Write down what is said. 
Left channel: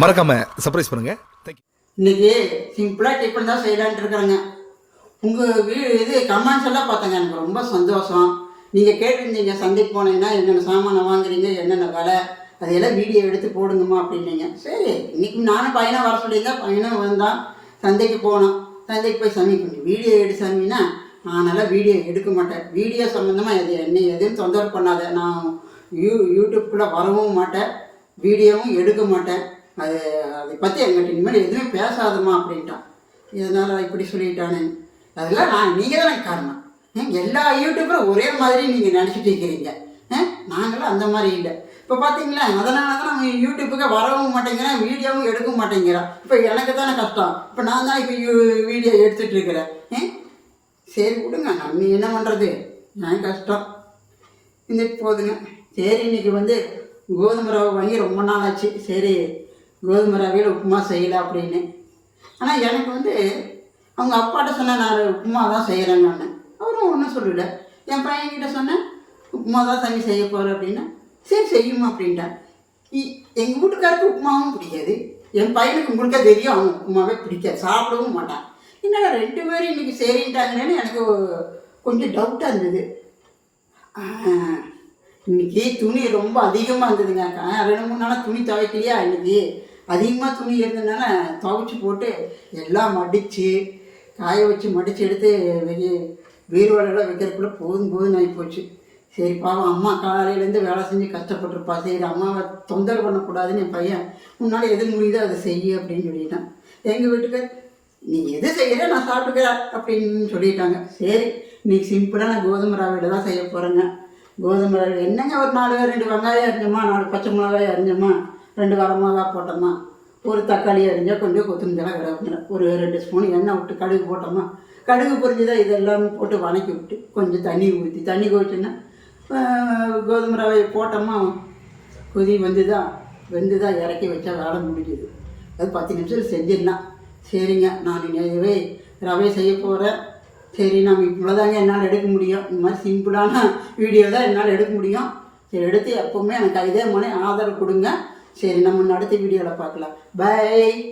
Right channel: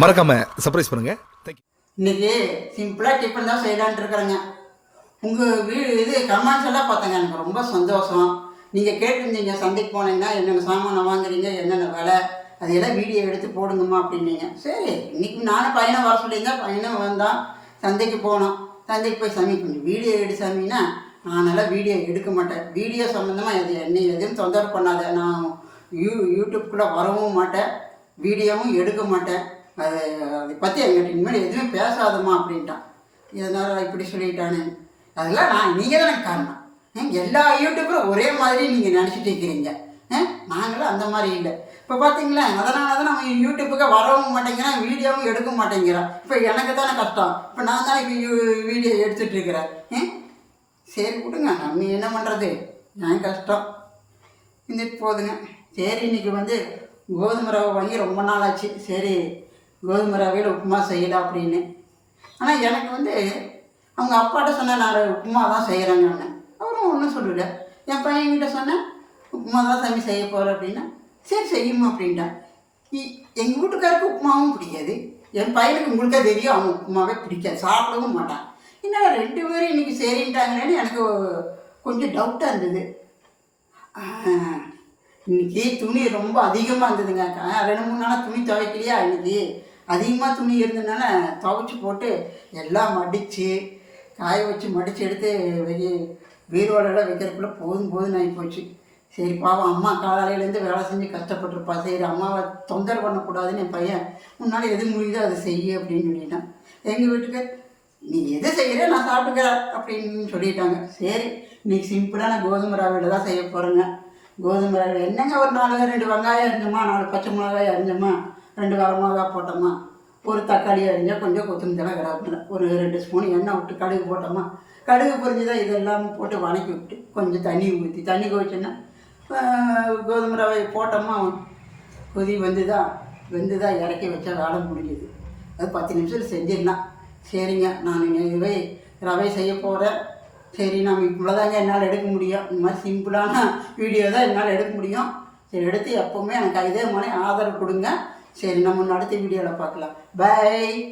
மறக்காம சர்ப்ரைஸ் பண்ணுங்க. இன்னைக்கு சிம்பிளாக டிஃபன் தான் செய்யலான்ட்டு இருக்கிறேங்க. உங்கள் வீடு இது கமெண்ட்ஸ் எல்லாம் பார்த்தேங்க எனக்கு ரொம்ப சந்தோஷம். நீங்கள் கேட்டிருந்தீங்க சந்தைக்கு போனீங்கன்னா என்னென்ன சாமானை வாங்குறீங்க என்னென்ன விலை அதையெல்லாம் வீடியோ எடுத்து போடுங்கம்மா அப்படின்னீங்க. சரி இன்னைக்கு நானும் பையனை வர சொல்லியிருந்தேன் பையனும் வந்தான் சந்தைக்கு போனோம் சந்தைக்கு போய் சாமி வீடியோ எடுத்து சாமின்னா அதனால் வீடியோ எடுக்க மாட்டேன். வீடியோ சம்மந்தமாக அது என்னை எதுவும் தொந்தரவு பண்ணாத. நான் யூ யூடியூப்குள்ளே வரவும் மாட்டேன். வீடியோவும் எடுக்க மாட்டேன். அது அதை பற்றி எங்கிட்ட இனிமேல் எதுவுமே பேசாதம்மா அப்படின்ட்டான். இதனால் இப்படி சொல்லிட்டானே. அதெல்லாம் நான் நீங்கள் தான் காரணம். எல்லா யூடியூப்பரும் ஒரே மாதிரி நீங்கள் நினச்சிட்டு இருக்கிறீங்க. நாங்களும் அந்த மாதிரி இல்லை. இப்போ பார்த்தீங்களா அதனால தான் நம்ம யூடியூப்புக்கு வரவும் மாட்டேங்கிறேன் வீடியோவும் எடுக்க மாட்டேங்கிறான். இப்போ எனக்கு தானே கஷ்டம். இப்போ நான் தான் இப்போ யூ வீடியோ எடுத்துகிட்டு இருக்கிறேன். சரி விடுங்க நம்ம என்ன பண்ணுறது நான் கஷ்டம். இன்னைக்கு போதுங்க. சரி இன்னைக்கு வந்து கோதுமை ரவை வாங்கி ரொம்ப நாள் ஆச்சு சரி கோதுமை ரவையில் உப்புமா செய்யலாம் அப்படின்னு. ஆனால் எனக்கு வந்து அவங்க அப்பாட்ட சொன்னேன் நான் உப்புமா தான் செய்கிறேங்கன்னு அவரும் ஒன்றும் சொல்லல. என் பையன்கிட்ட சொன்னேன் உப்புமா தான் தம்பி செய்ய போகிறேன் அப்படின்னா சரி செய்யுமா அப்படின்ட்டேன் எங்கள் வீட்டுக்காருக்கு உப்புமாவும் பிடிக்காது. என் பையனுக்கு உங்களுக்கே தெரியும் அவன் உப்புமாவே பிடிக்காது. சாப்பிடவும் மாட்டான். என்னடா ரெண்டு பேரும் இன்னைக்கு சரின்ட்டாங்களேன்னு எனக்கு கொஞ்சம் டவுட்டாக இருந்தது. இன்னைக்கு துணி ரொம்ப அதிகமாக இருந்ததுங்க. ரெண்டு மூணு நாளாக துணி துவைக்கலையா இன்னைக்கு? அதிகமாக துணி இருந்ததுனால துவைச்சி போட்டு எல்லாம் மடித்து காய வச்சு மடித்து எடுத்து வெளியே வீரோடலாம் வைக்கிறதுக்குள்ளே போதும் போதும் ஆகி போச்சு. சரி பாவம் அம்மா காலையிலேருந்து வேலை செஞ்சு கஷ்டப்பட்டுருப்பா. சரி அம்மாவை தொந்தரவு பண்ணக்கூடாதுன்னு என் பையன் முன்னால் எது முடியுதோ அதை செய்ய அப்படின்னு சொல்லிட்டான். எங்கள் வீட்டுக்கு நீ எது செய்யற நான் சாப்பிட்டுக்கிறேன் அப்படின்னு சொல்லிட்டாங்க. சரி இன்னைக்கு சிம்பிளாக நான் கோதுமை ரவையில் தான் செய்ய போகிறேங்க கோதுமை ரவை என்னங்க ஒரு நாலு ரெண்டு வெங்காயம் அரிஞ்சோமா நாலு பச்சை மிளகாய் அரிஞ்சோமா ரெண்டு வர மிளகா போட்டோமா ஒரு தக்காளி அரிஞ்சா கொஞ்சம் கொத்தமல்லி கராப்பின ஒரு ரெண்டு ஸ்பூன் எண்ணெய் விட்டு கடுகு போட்டோமா கடுகு பொரிஞ்சுதான் இதெல்லாம் போட்டு வணக்கி விட்டு கொஞ்சம் தண்ணி ஊற்றி தண்ணி கொதிச்சோன்னா கோதுமை ரவையை போட்டோமா கொதி வந்துதான் வெந்துதான் இறக்கி வச்சா வேலை முடிஞ்சுது. அது பத்து நிமிஷத்தில் செஞ்சிடலாம். சரிங்க நான் இதுவே ரவை செய்ய போகிறேன் சரி நம்ம இவ்வளோதாங்க என்னால் எடுக்க முடியும். இந்த மாதிரி சிம்பிளான வீடியோ தான் என்னால் எடுக்க முடியும். சரி எடுத்து எப்போவுமே எனக்கு இதே மாதிரி ஆதரவு கொடுங்க. சரி நம்ம அடுத்த வீடியோவில் பார்க்கலாம். பை